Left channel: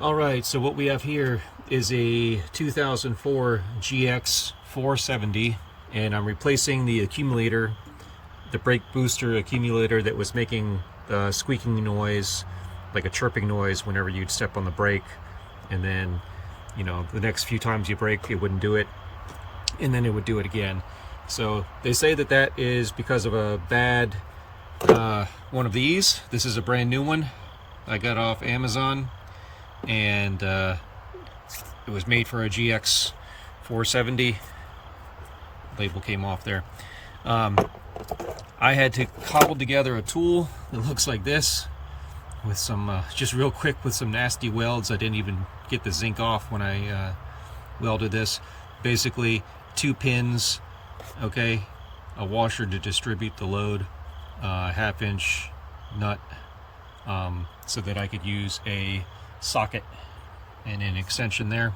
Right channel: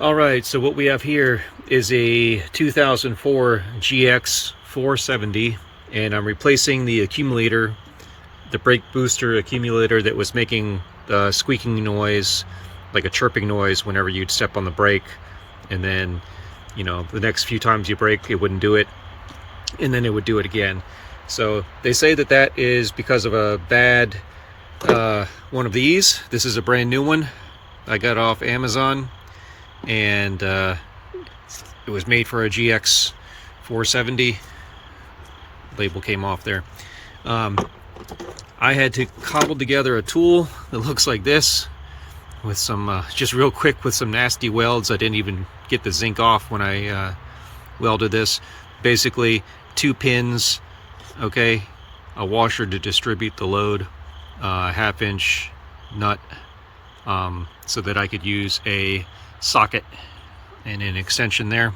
Alright, so what we have here is a 2004 GX470, and I'm replacing the accumulator, the brake booster accumulator that was making the squeaking noise, like a chirping noise whenever you'd step on the brake, and then, you know, the next few times you brake it wouldn't do it, and then it would do it again. So they say that that is because of a bad one of these. This is a brand new one I got off Amazon, and it was made for a GX470. Label came off there. I had to cobble together a tool that looks like this with some just real quick with some nasty welds. I didn't even get the zinc off when I welded this. Basically 2 pins, okay, a washer to distribute the load, a 1/2-inch nut, so that I could use a socket and an extension there.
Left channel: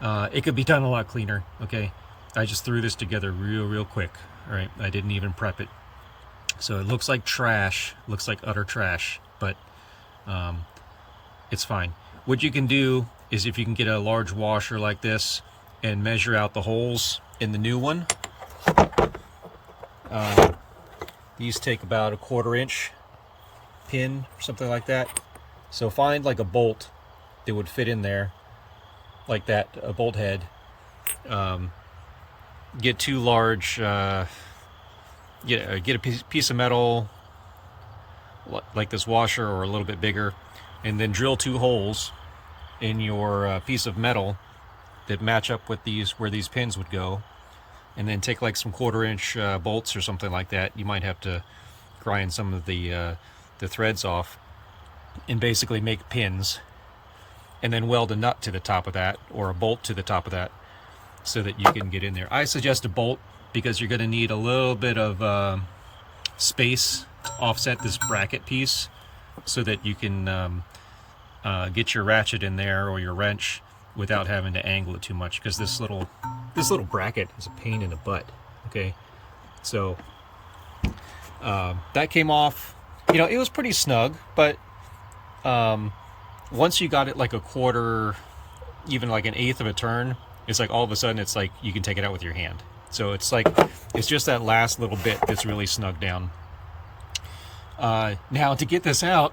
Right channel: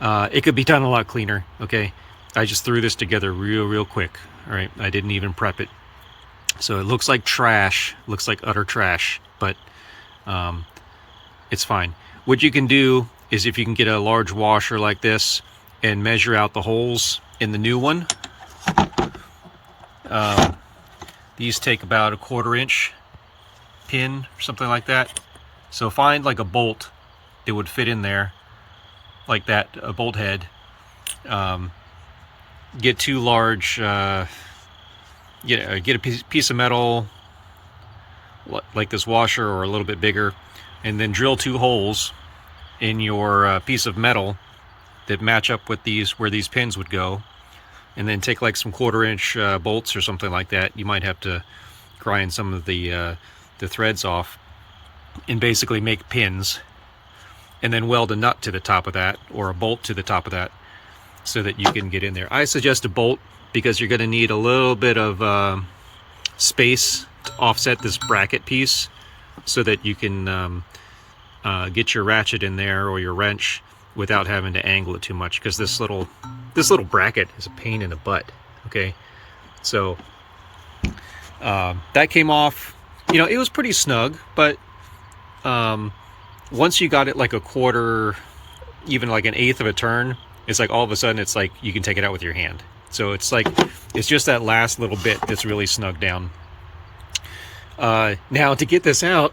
It could be done a lot cleaner, okay? I just threw this together real quick. All right, I didn't even prep it, so it looks like trash, looks like utter trash, but it's fine. What you can do is, if you can get a large washer like this and measure out the holes in the new one, these take about a 1/4 inch pin or something like that. So find like a bolt that would fit in there like that, a bolt head. Get 2 large, get a piece of metal like this washer or a little bit bigger, and then drill 2 holes in your piece of metal that match up with these, where these pins would go, and then take like some 1/4 inch bolts or something like that. You might have to grind some of the threads off, and basically make pins, and then weld a nut to the top of that, or a bolt to the top of that, so that you can get in there. I suggest a bolt because you're going to need a little bit of space to offset this bracket piece, so that you can get your ratchet in there or your wrench without having to angle it too much, because this little bracket is a pain in the butt. Okay, so that came off. You know, it was pretty snug, but once you got it like a 1/4, even like an 1/8 of a turn, it's like all of a sudden it's like you can take it out with your hand. So it's like, it's just that last little bit that's really snug down. Now to get this out,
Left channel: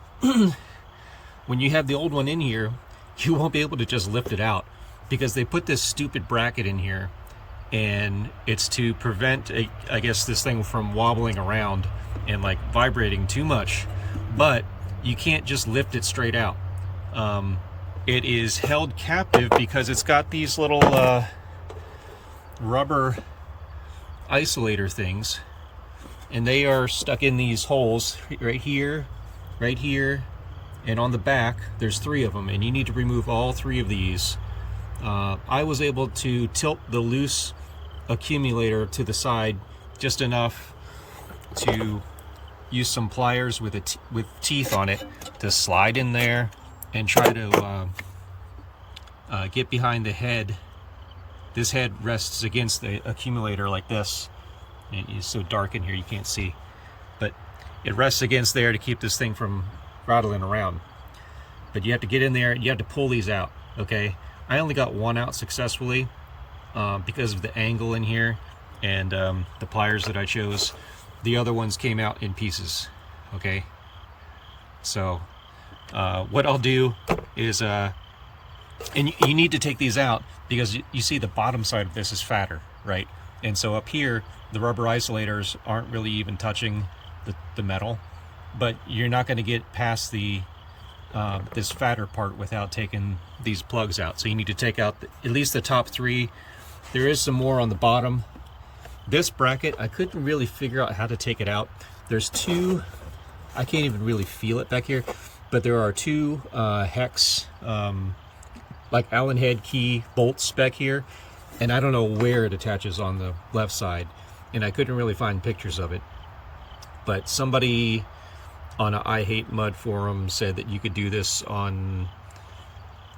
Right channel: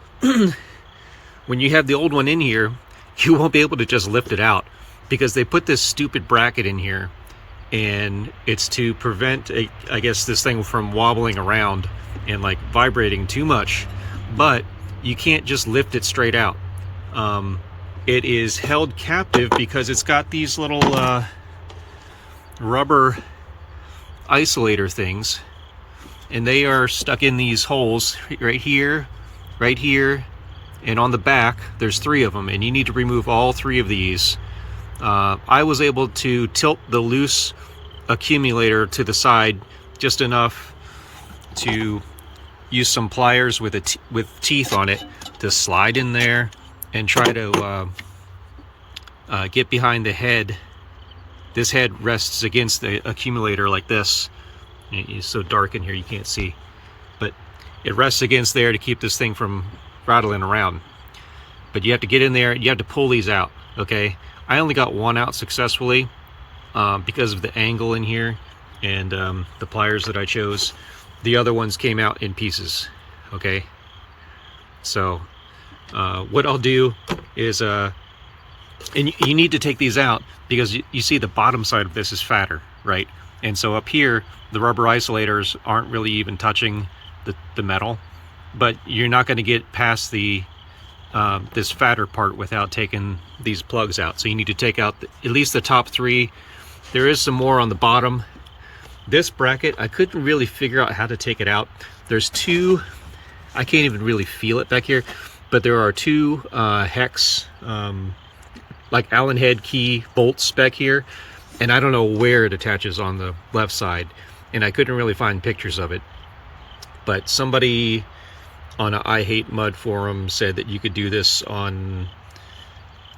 when you have the old one in here, you won't be able to just lift it out, because they put this stupid bracket in here, and it's to prevent, I guess, this thing from wobbling around and like vibrating too much. But you can't just lift it straight out. It is held captive because it's got these little rubber isolator things, and they are stuck in these holes right here, and on the back. There's 3 of them, and you need to remove all 3 of these. I was able to tilt the loose accumulator to the side just enough to use some pliers with teeth on it to slide in there and try to get behind the head. This head rests against the accumulator like this. It's so dark in here you can't see, but it rests against there to keep this thing from rattling around. But you have to get in there, you have to pull these out, okay? I only got one out successfully because of the angle in here and the pliers that I chose. The other ones came out in pieces, okay? So what I'll do is, and you need to take these out because you see the bottom side of this is fatter, right? And so up here, the rubber isolators aren't really even touching the metal, but you're not going to get past the this fatter part without taking these plugs out. So you need to take out at least the top 3. There is some more on the bottom. This bracket, I couldn't really figure out how to take it out. There's 2, I can't even really feel it back here, but there are 2 hex, like Allen head key bolts back here, and I don't know where it attaches on the left side, and I couldn't really find pictures of it. But somebody on a I Hate Mud forum said that you could do this on,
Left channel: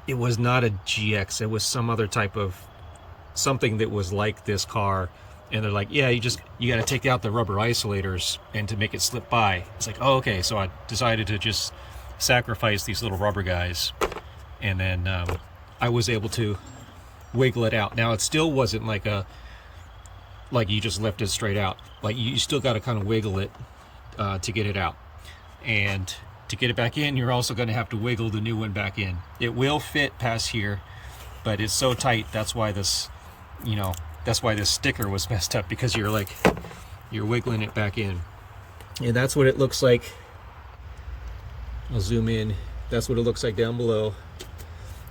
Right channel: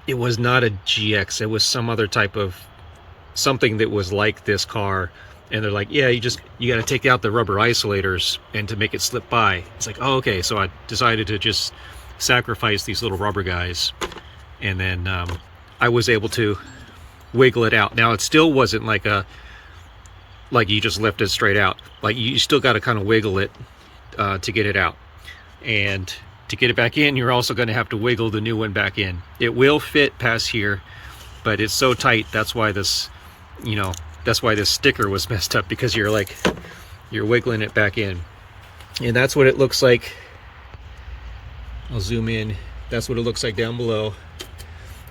it was not a GX, it was some other type of something that was like this car, and they're like, yeah, you got to take out the rubber isolators and to make it slip by. It's like, oh, okay. So I decided to just sacrifice these little rubber guys and then I was able to wiggle it out. Now it still wasn't like you just lift it straight out. Like you still got to kind of wiggle it to get it out, and to get it back in, you're also going to have to wiggle the new one back in. It will fit past here, but it's so tight. That's why this, you know, that's why this sticker was messed up, because you're wiggling it back in. And that's what it looks like. I'll zoom in. That's what it looks like down below.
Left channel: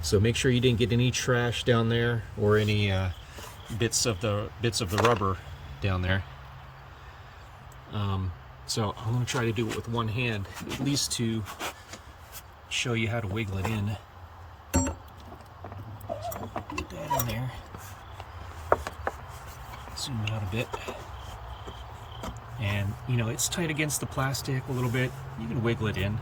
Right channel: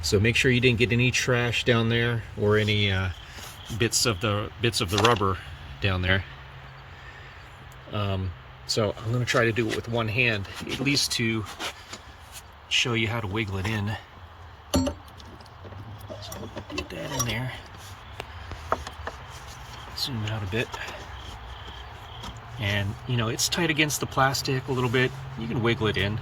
So make sure you didn't get any trash down there, or any bits of the rubber down there. So I'm going to try to do it with one hand, at least to show you how to wiggle it in. So get that in there. Zoom out a bit. And you know, it's tight against the plastic a little bit. You can wiggle it in.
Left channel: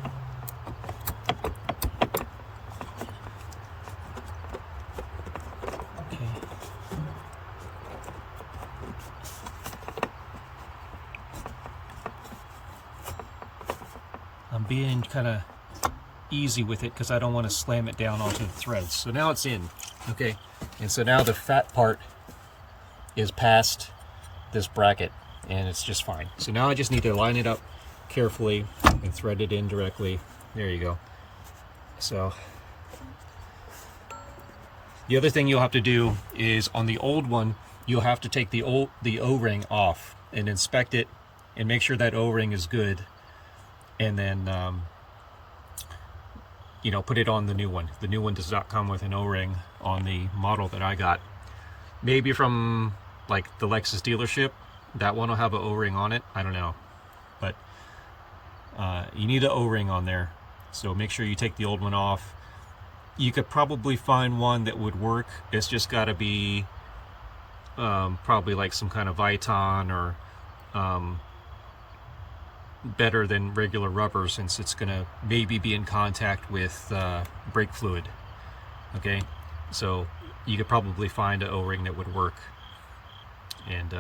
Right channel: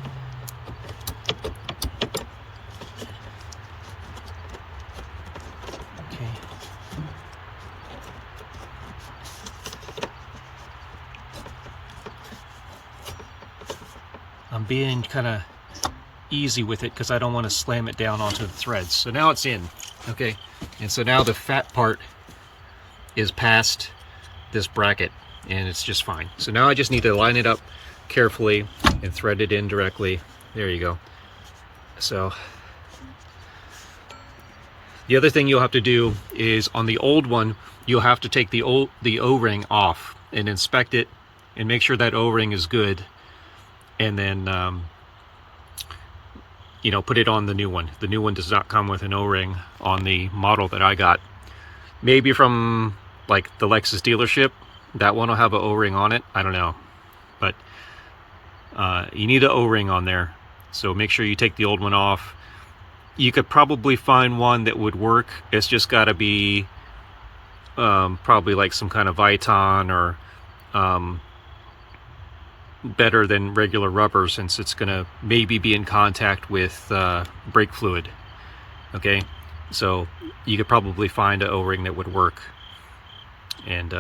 Okay. I'm being kind of easy with it because I don't want to slam it down onto the threads. So now it's in, okay? And so now the fat part is past this bracket, and it's just fine. So now I just need to line it up carefully and thread it in directly. There you go. So the other thing you'll have to do is, on the old one, you'll have to take the O-ring off and inspect it and make sure that O-ring is good, and then you know, put it on the new one. The new one does not come with an O-ring on the model that I got. Maybe from like the Lexus dealership, that one will have an O-ring on it. I don't know, but you need an O-ring on there. So make sure you take the old one off. You could probably find one that would work. It's just got to be probably like some kind of Viton, or better than regular rubber, since it's gonna maybe be in contact with brake fluid. Okay, so you could probably find an O-ring that would work, and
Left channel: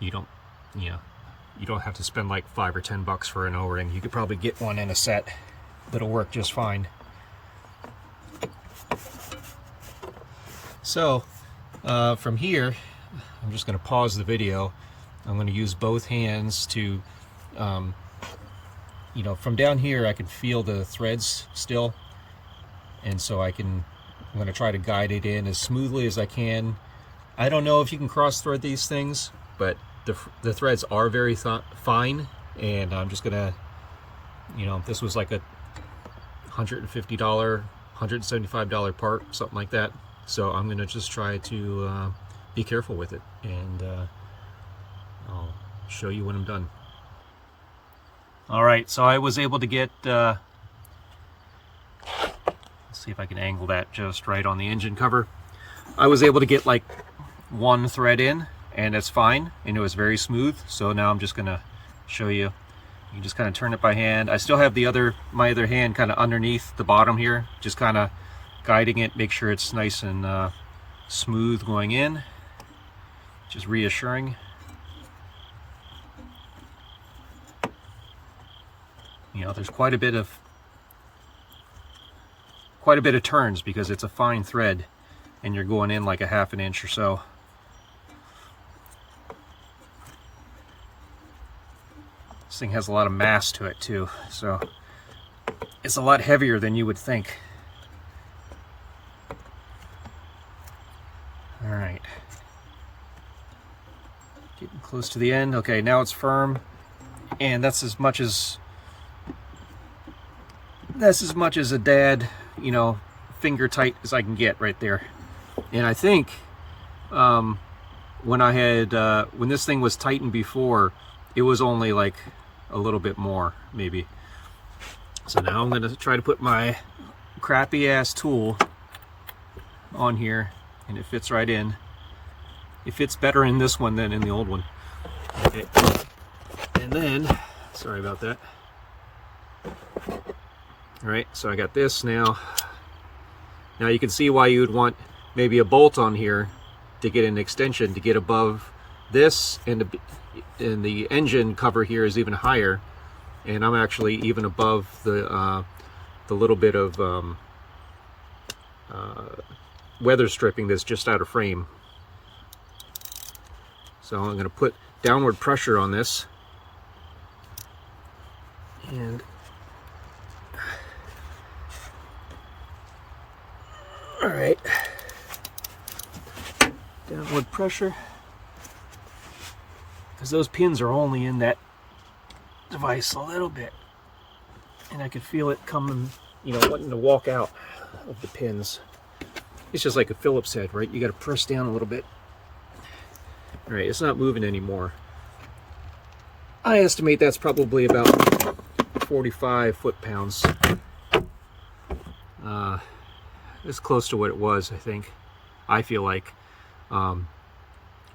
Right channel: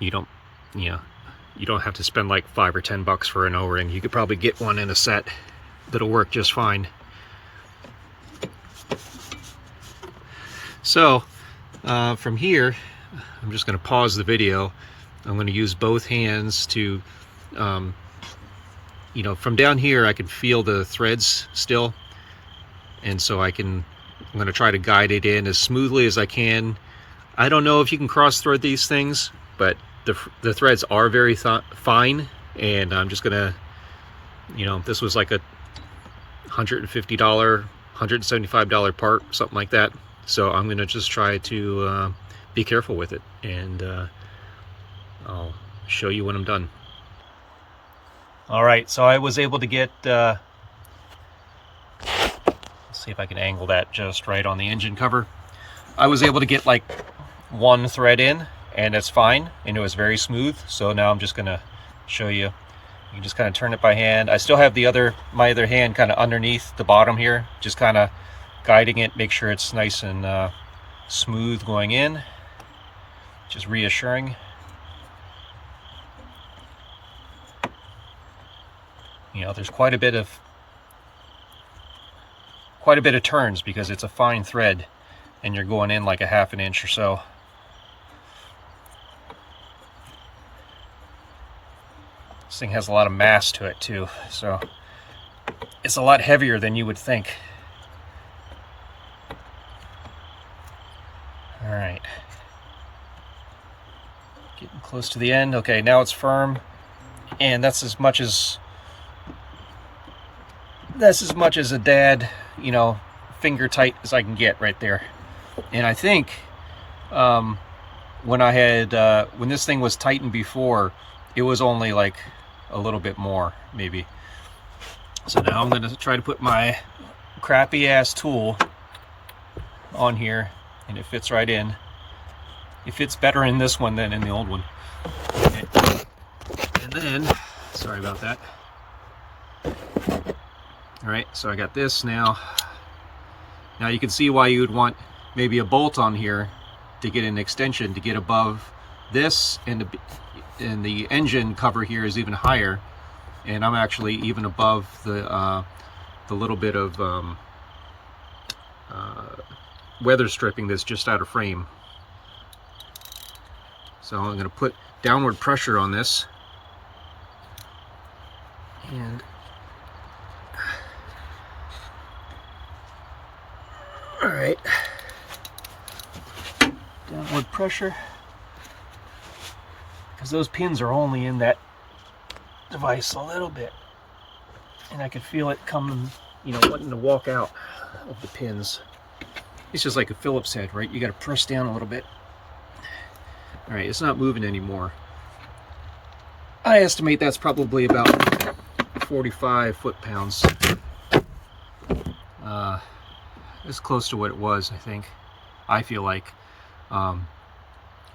you don't have to spend like $5 or $10 for an O-ring. You could probably get one in a set that'll work just fine. So from here, I'm just going to pause the video. I'm going to use both hands to, you know, from down here I can feel the threads still, and so I'm going to try to guide it in as smoothly as I can. I don't know if you can cross thread these things, but the threads are very fine, and I'm just going to, you know, this was like a $150, $175 part, something like that. So I'm going to just try to be careful with it, and I'll show you when I'm done. All right, so I was able to get, let's see if I can angle that just right on the engine cover. I was able to get like one thread in, and it's fine, and it was very smooth. So now I'm just going to show you. You can just kind of turn it by hand. I still have my other hand kind of underneath the bottom here, just kind of guiding it, make sure it's nice and smooth going in, just reassuring. You know, there's quite a bit of turns because it's a fine thread, and you're going in like a ½ an inch or so. This thing has a lot of mass to it too, so it's a lot heavier than you would think. All right, getting close to the end. Okay, now it's firm, and that's as much as a dad, you know, finger tight as I can get right there. And I think when this thing was tightened before, it was only like a little bit more, maybe. So now I'm going to try to put my crappy ass tool on here, and it fits right in. It fits better in this one than in the old one. Okay. And then, sorry about that. All right, so I got this now. Now you can see why you would want maybe a bolt on here to get an extension to get above this, and the engine cover here is even higher, and I'm actually even above the the little bit of weather stripping that's just out of frame. So I'm going to put downward pressure on this, and all right, downward pressure, because those pins are only in that device a little bit, and I can feel it coming, you know, wanting to walk out of the pins. It's just like a Phillips head, right? You got to press down a little bit. All right, it's not moving anymore. I estimate that's probably about 45 foot-pounds. It's close to what it was, I think. I feel like. I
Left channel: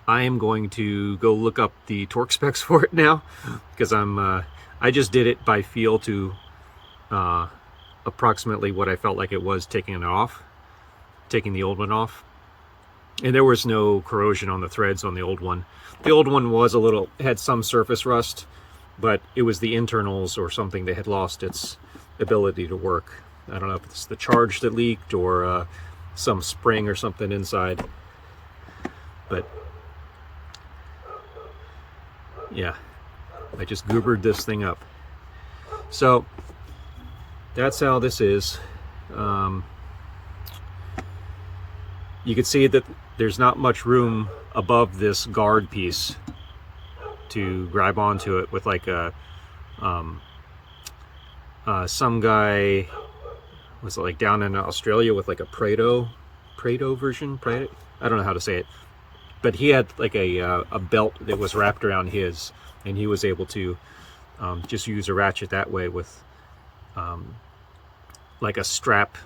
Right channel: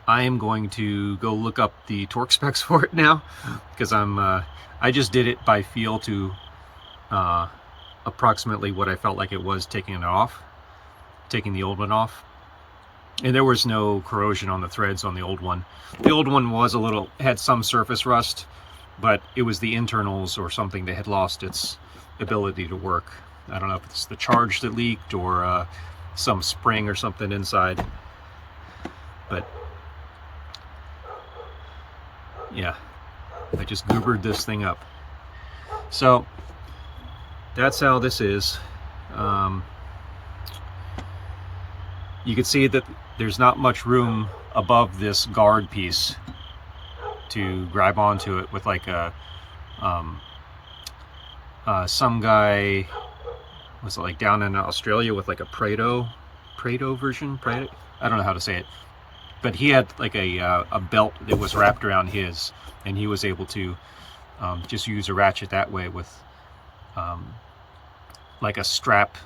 am going to go look up the torque specs for it now, because I just did it by feel to approximately what I felt like it was taking the old one off. And there was no corrosion on the threads on the old one. The old one was had some surface rust, but it was the internals or something that had lost its ability to work. I don't know if it's the charge that leaked or some spring or something inside. But yeah, I just goobered this thing up. So that's how this is. You can see that there's not much room above this guard piece to grab onto it with like a some guy, was it like down in Australia with like a Prado version? I don't know how to say it, but he had like a belt that was wrapped around his, and he was able to just use a ratchet that way with like a strap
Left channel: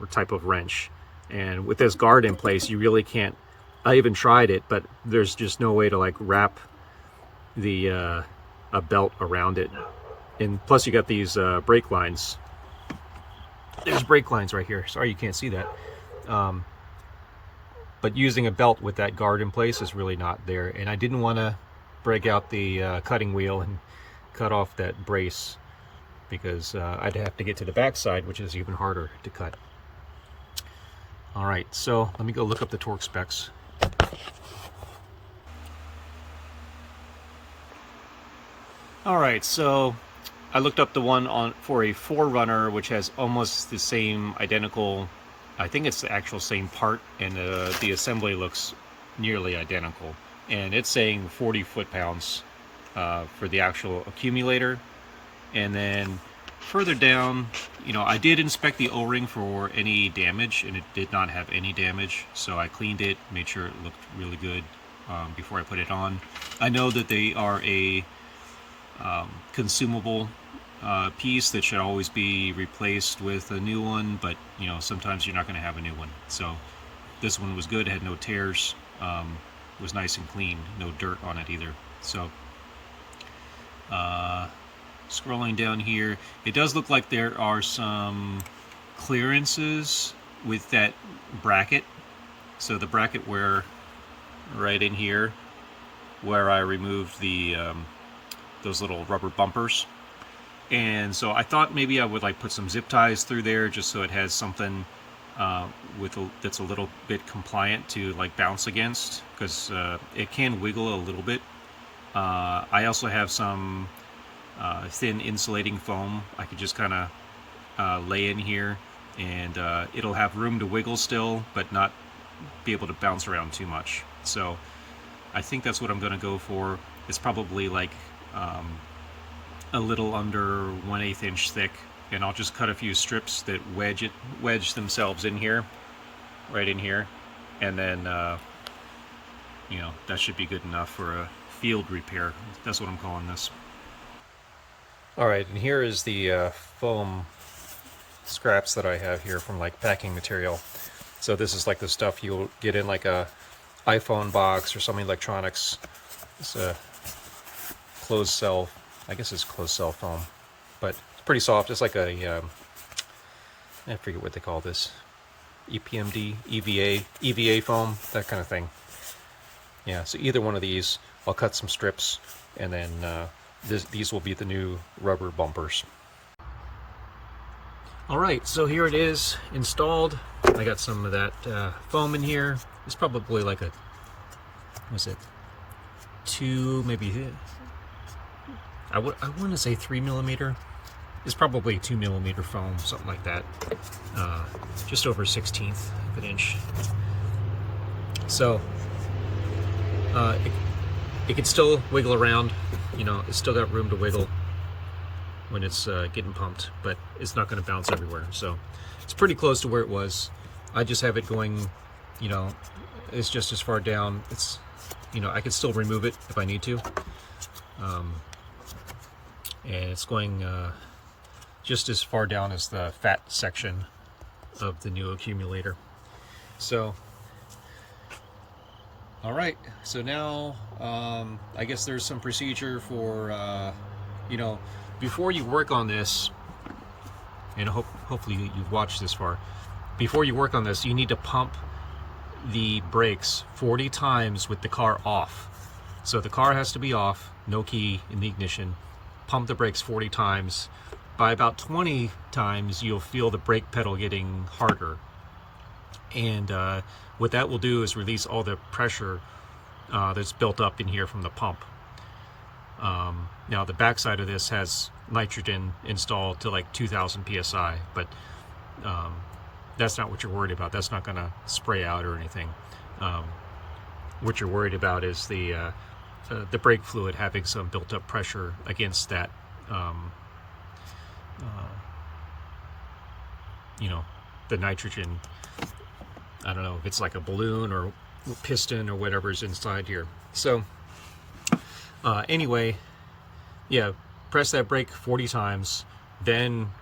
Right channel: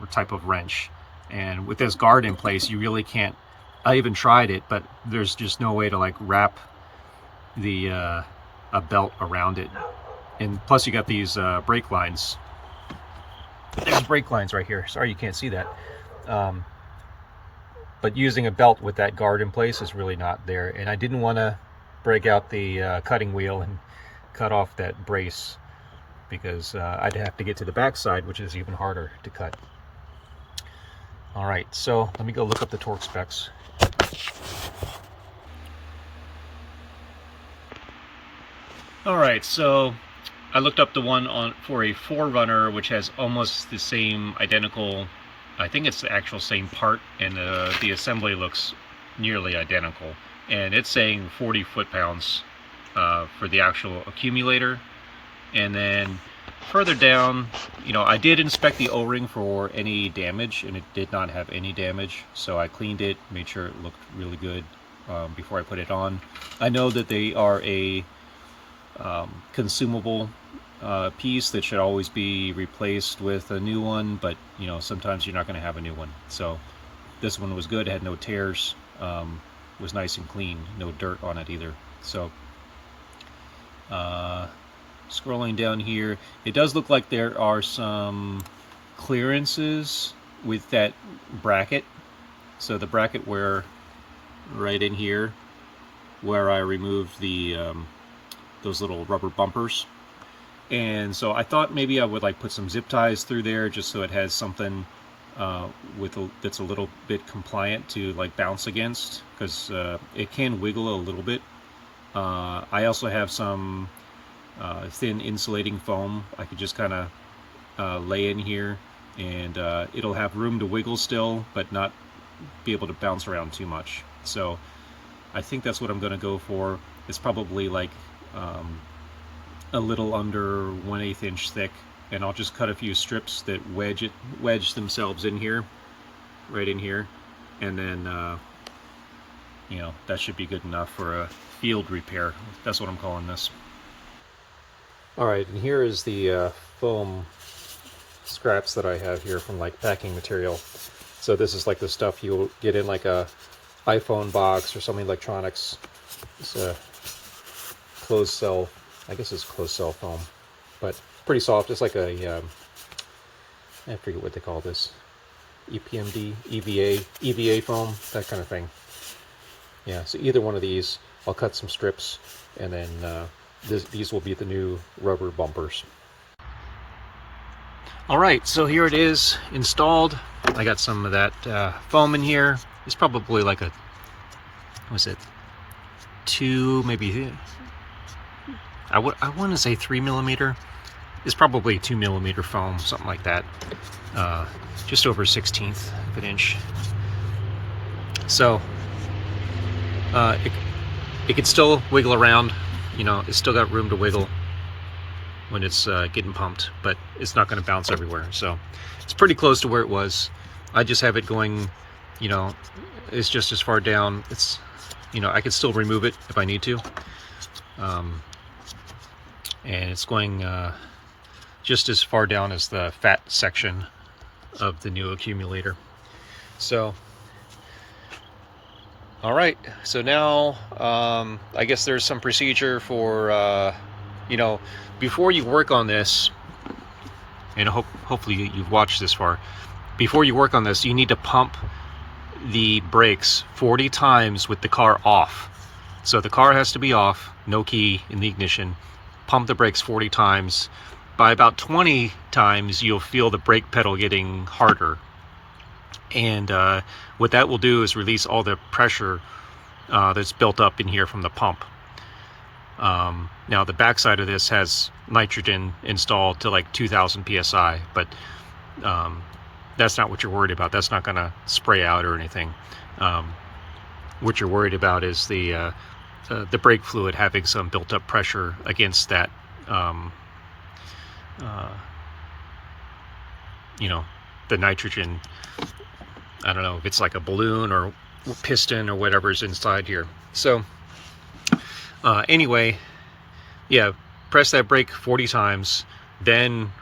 or type of wrench. And with this guard in place, you really can't. I even tried it, but there's just no way to like wrap the a belt around it. And plus you got these brake lines. There's brake lines right here. Sorry you can't see that. But using a belt with that guard in place is really not there. And I didn't want to break out the cutting wheel and cut off that brace, because I'd have to get to the back side, which is even harder to cut. All right, so let me go look up the torque specs. All right, so I looked up the one for a 4Runner, which has almost the same identical, I think it's the actual same part, and the assembly looks nearly identical. And it's saying 40 foot-pounds for the actual accumulator. And then further down, you know, I did inspect the O-ring for any damage, and it did not have any damage. So I cleaned it, made sure it looked really good before I put it on. I know that they are a consumable piece that should always be replaced with a new one, but you know, sometimes you're not going to have a new one. So this one was good, it had no tears, was nice and clean, no dirt on it either. So scrolling down here, it does look like there are some clearances with that bracket. So the bracket where, right in here, where I removed the those little rubber bumpers. And so I thought maybe I would like put some zip ties through there just so it has something that's a little bit compliant to like bounce against, because it can wiggle a little bit. I also have some thin insulating foam I could just kind of lay in here, and it'll have room to wiggle still, but not be able to bounce around too much. So I think that's what I'm going to go for. It's probably like a little under 1/8 inch thick, and I'll just cut a few strips that wedge themselves in here, right in here, and then you know, that should be good enough for a field repair. That's what I'm calling this. Alright, and here is the foam scraps that I have here from like packing material. So this is like the stuff you'll get in like a iPhone box or some electronics. It's a closed cell, I guess it's closed cell foam, but it's pretty soft. It's like a, I forget what they call this, EPMD, EVA foam, that kind of thing. Yeah, so either one of these, I'll cut some strips, and then these will be the new rubber bumpers. All right, so here it is installed. I got some of that foam in here. It's probably like a, what's it, two, maybe, I want to say 3mm. It's probably 2mm foam, something like that. Just over 1/16 of an inch. So it could still wiggle around, you know, it's still got room to wiggle when it's getting pumped, but it's not going to bounce everywhere. So it's pretty close to where it was. I just have it going, you know, it's just as far down. It's, you know, I can still remove it if I need to. And it's going just as far down as the fat section of the new accumulator. So, all right, so now I guess there's some procedure for, you know, before you work on this, and hopefully you've watched this far, before you work on this, you need to pump the brakes 40 times with the car off. So the car has to be off, no key in the ignition. Pump the brakes 40 times. By about 20 times, you'll feel the brake pedal getting harder. And what that will do is release all the pressure that's built up in here from the pump. Now the backside of this has nitrogen installed to like 2000 psi, but that's not what you're worried about. That's not going to spray out or anything. What you're worried about is the brake fluid having some built-up pressure against that, you know, the nitrogen. I don't know if it's like a balloon or piston or whatever's inside here. So anyway, yeah, press that brake 40 times, then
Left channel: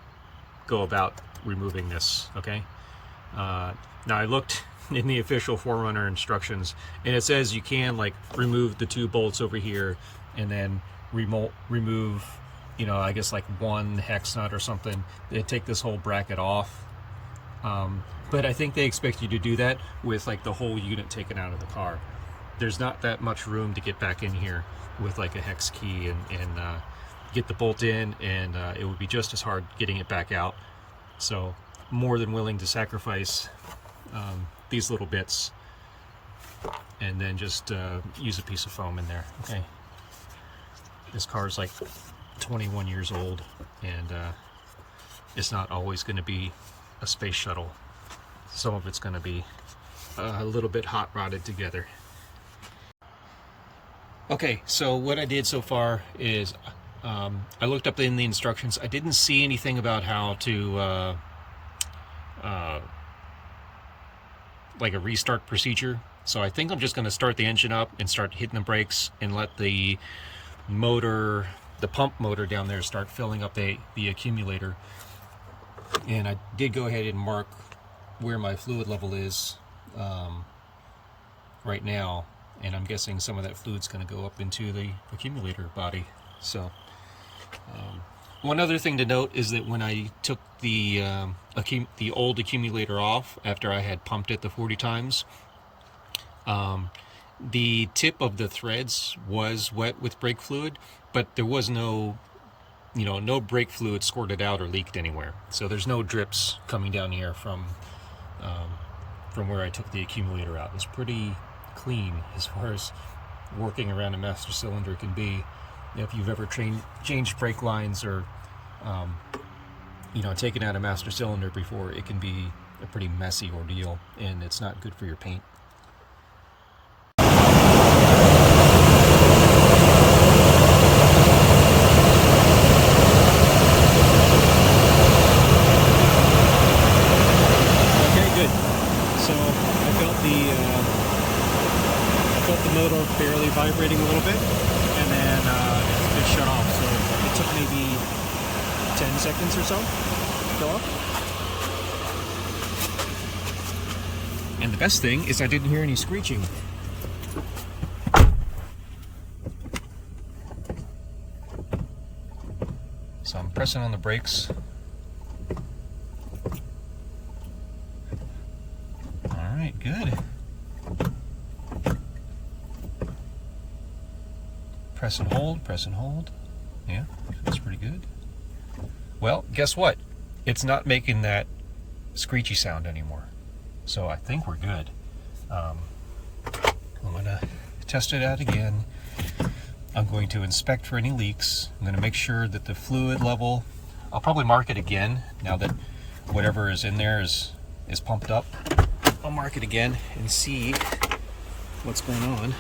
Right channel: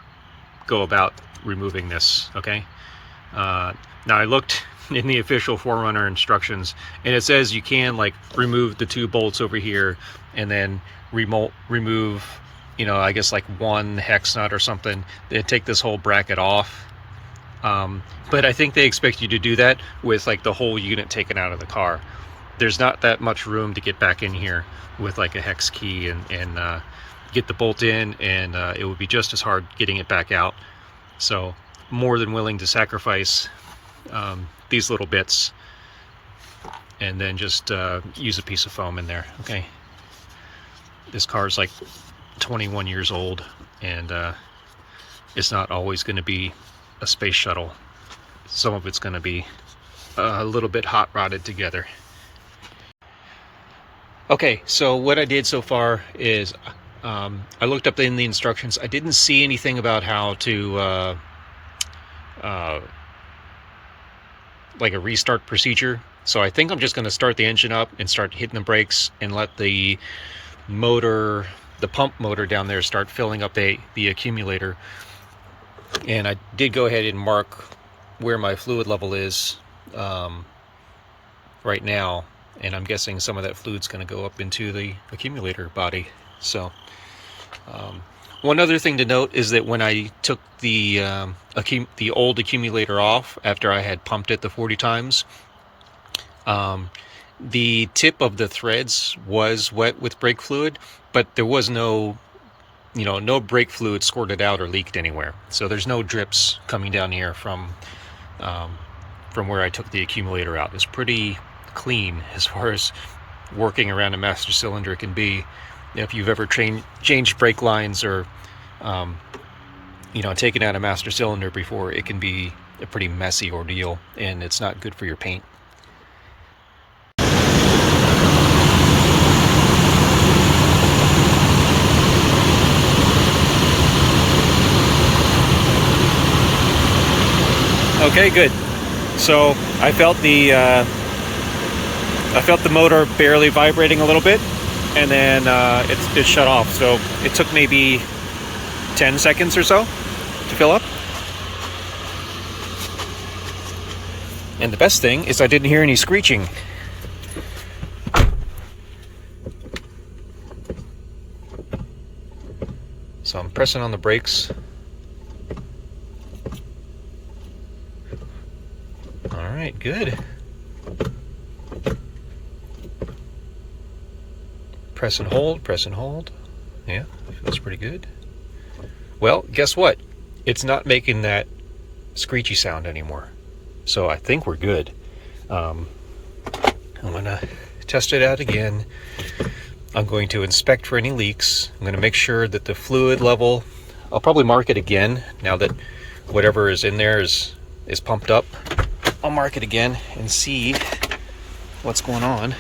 go about removing this, okay? Now I looked in the official 4Runner instructions, and it says you can like remove the 2 bolts over here and then remove, you know, I guess like 1 hex nut or something, and take this whole bracket off. But I think they expect you to do that with like the whole unit taken out of the car. There's not that much room to get back in here with like a hex key and get the bolt in, and it would be just as hard getting it back out. So more than willing to sacrifice these little bits and then just use a piece of foam in there. Okay, this car is like 21 years old, and it's not always going to be a space shuttle. Some of it's going to be a little bit hot rodded together. Okay, so what I did so far is I looked up in the instructions. I didn't see anything about how to like a restart procedure. So I think I'm just going to start the engine up and start hitting the brakes and let the motor, the pump motor down there, start filling up the accumulator. And I did go ahead and mark where my fluid level is right now, and I'm guessing some of that fluid's going to go up into the accumulator body. So one other thing to note is that when I took the old accumulator off after I had pumped it the 40 times, the tip of the threads was wet with brake fluid, but there was no, you know, no brake fluid squirted out or leaked anywhere. So there's no drips coming down here from where I took the accumulator out. It's pretty clean as far as working around a master cylinder can be. If you've ever changed brake lines or you know, taken out a master cylinder before, it can be a pretty messy ordeal, and it's not good for your paint. Okay, good. So I felt the motor barely vibrating a little bit, and then it shut off. So it took maybe 10 seconds or so to fill up. And the best thing is I didn't hear any screeching. So I'm pressing on the brakes. All right, good. Press and hold, press and hold. Yeah, feels pretty good. Well, guess what? it's not making that screechy sound anymore. So I think we're good. I'm gonna test it out again. I'm going to inspect for any leaks. I'm gonna make sure that the fluid level, I'll probably mark it again now that whatever is in there is pumped up. I'll mark it again and see what's going on.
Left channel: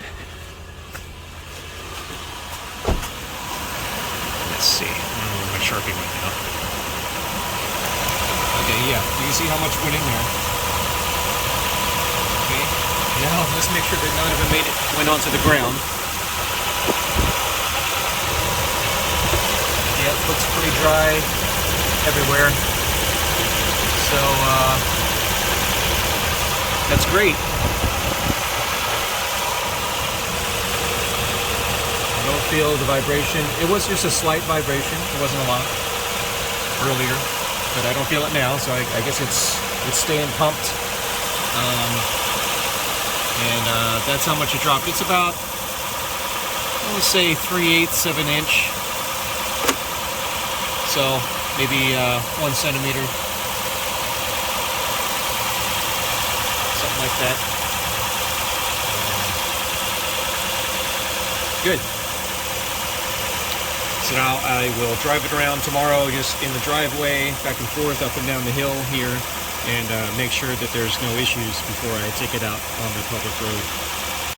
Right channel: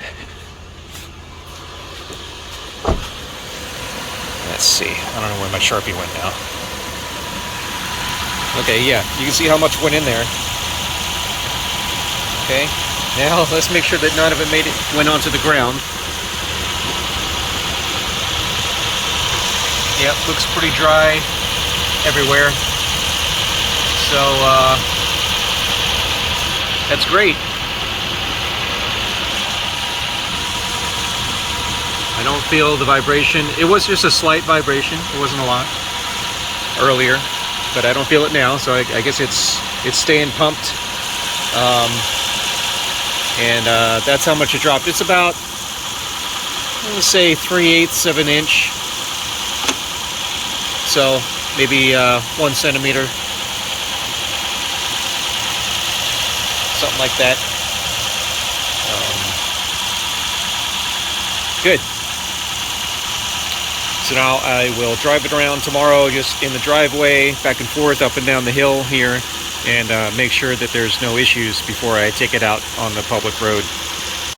Let's see. I don't know where my Sharpie went now. Okay, yeah, you can see how much went in there. Okay, now let's make sure that none of it went onto the ground. Yep, looks pretty dry everywhere. So, that's great. I don't feel the vibration. It was just a slight vibration. It wasn't a lot earlier, but I don't feel it now. So I guess it's staying pumped. That's how much it dropped. It's about, let's say 3/8 of an inch. So maybe 1 centimeter. Something like that. Good. So now I will drive it around tomorrow, just in the driveway, back and forth, up and down the hill here, and make sure that there's no issues before I take it out on the public road.